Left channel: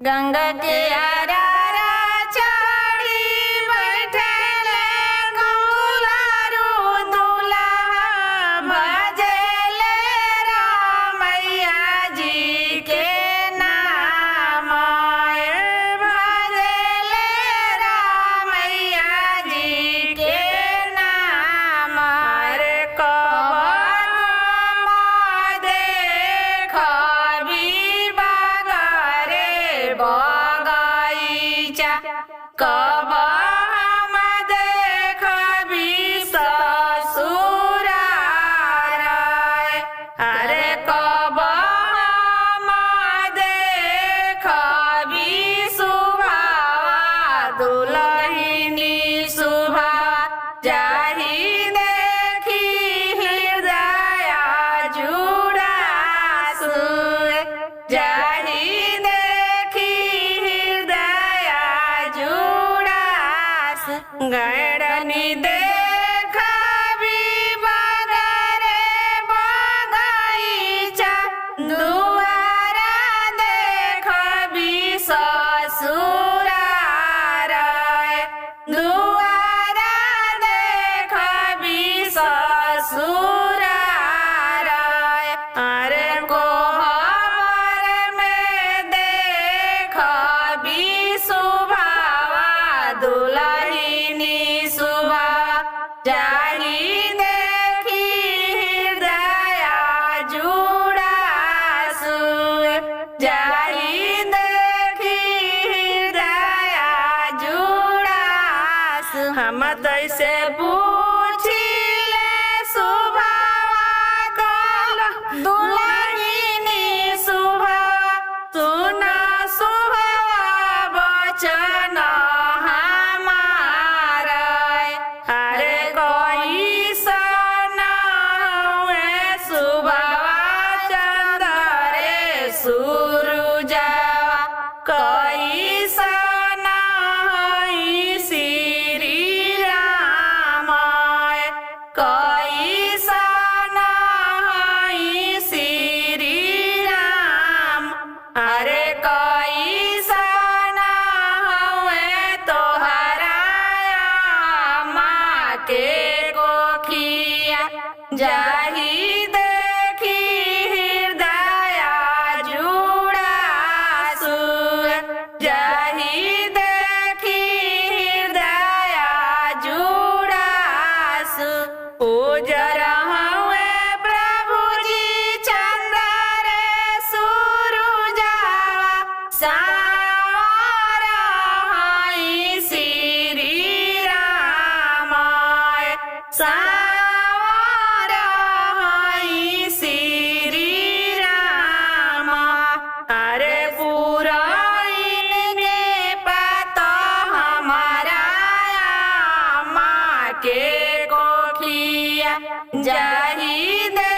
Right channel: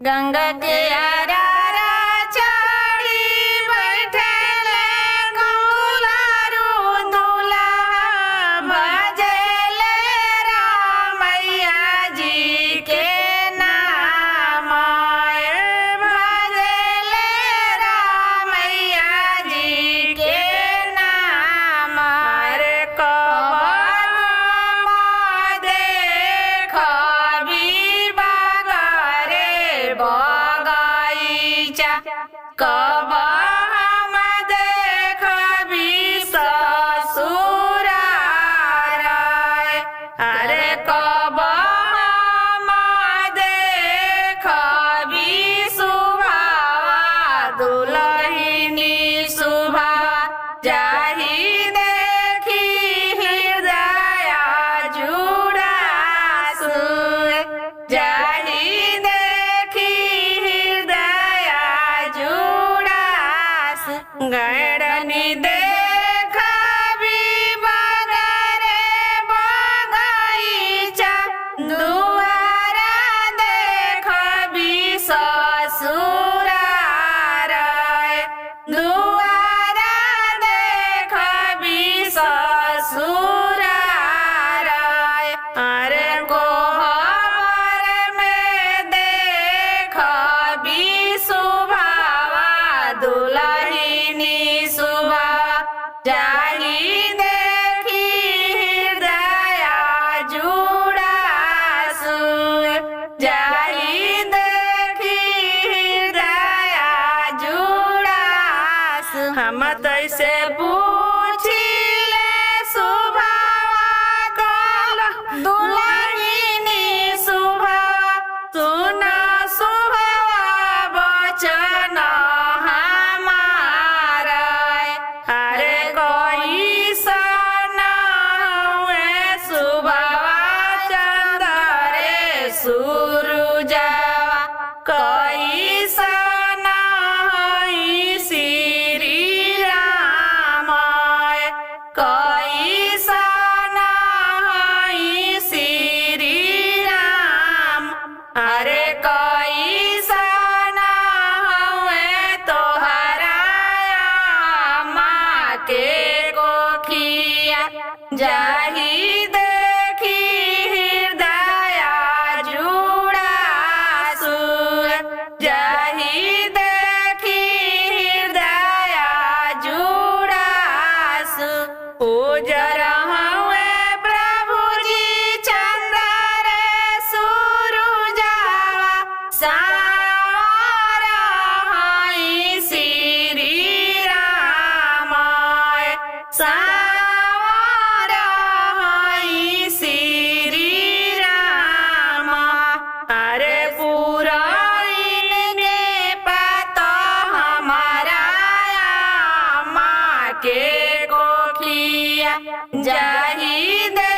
गंगा के आरारा चढ़ी बैठले गौरारू दुल्हा भजले रामैया जी के नाम भजले रामैया जी के नाम रे कबर देखबी बागरे बगैचा कब हम देखबी ससुरार अरे कब हम देखबी सुभावा दुलहिनी सुभावा जाहि देखी हृदय जुड़ास जाहि देखी हृदय जुड़ास गैरनी देखबी बगरे बगैचा दुआरा देखबी ससुरार दुआरा देखबी ससुरार अरे कोहबर में देखबी सुभावा दुलहिनी सुभावा जाहि देखी हृदय जुड़ास जाहि देखी हृदय जुड़ास हम तैसे पूछिले सुभावा दुलहिनी सुभावा सुना सुभावा वचन हमार अरे कैसन हुए सुभावा चंदरे सूरुजवा कैसन हई श्री राम कैसन हई श्री राम अरे कैसन हुए तोहरा माँ के कोखिया जाहि देखी हृदय जुड़ास जाहि देखी हृदय जुड़ास उजर हुए प्रभु जी चंद्र सूरुजवा सावर हई श्री राम सावर हई श्री राम अरे पुरैन के पत हमारा माँ के कोखिया जाहि दे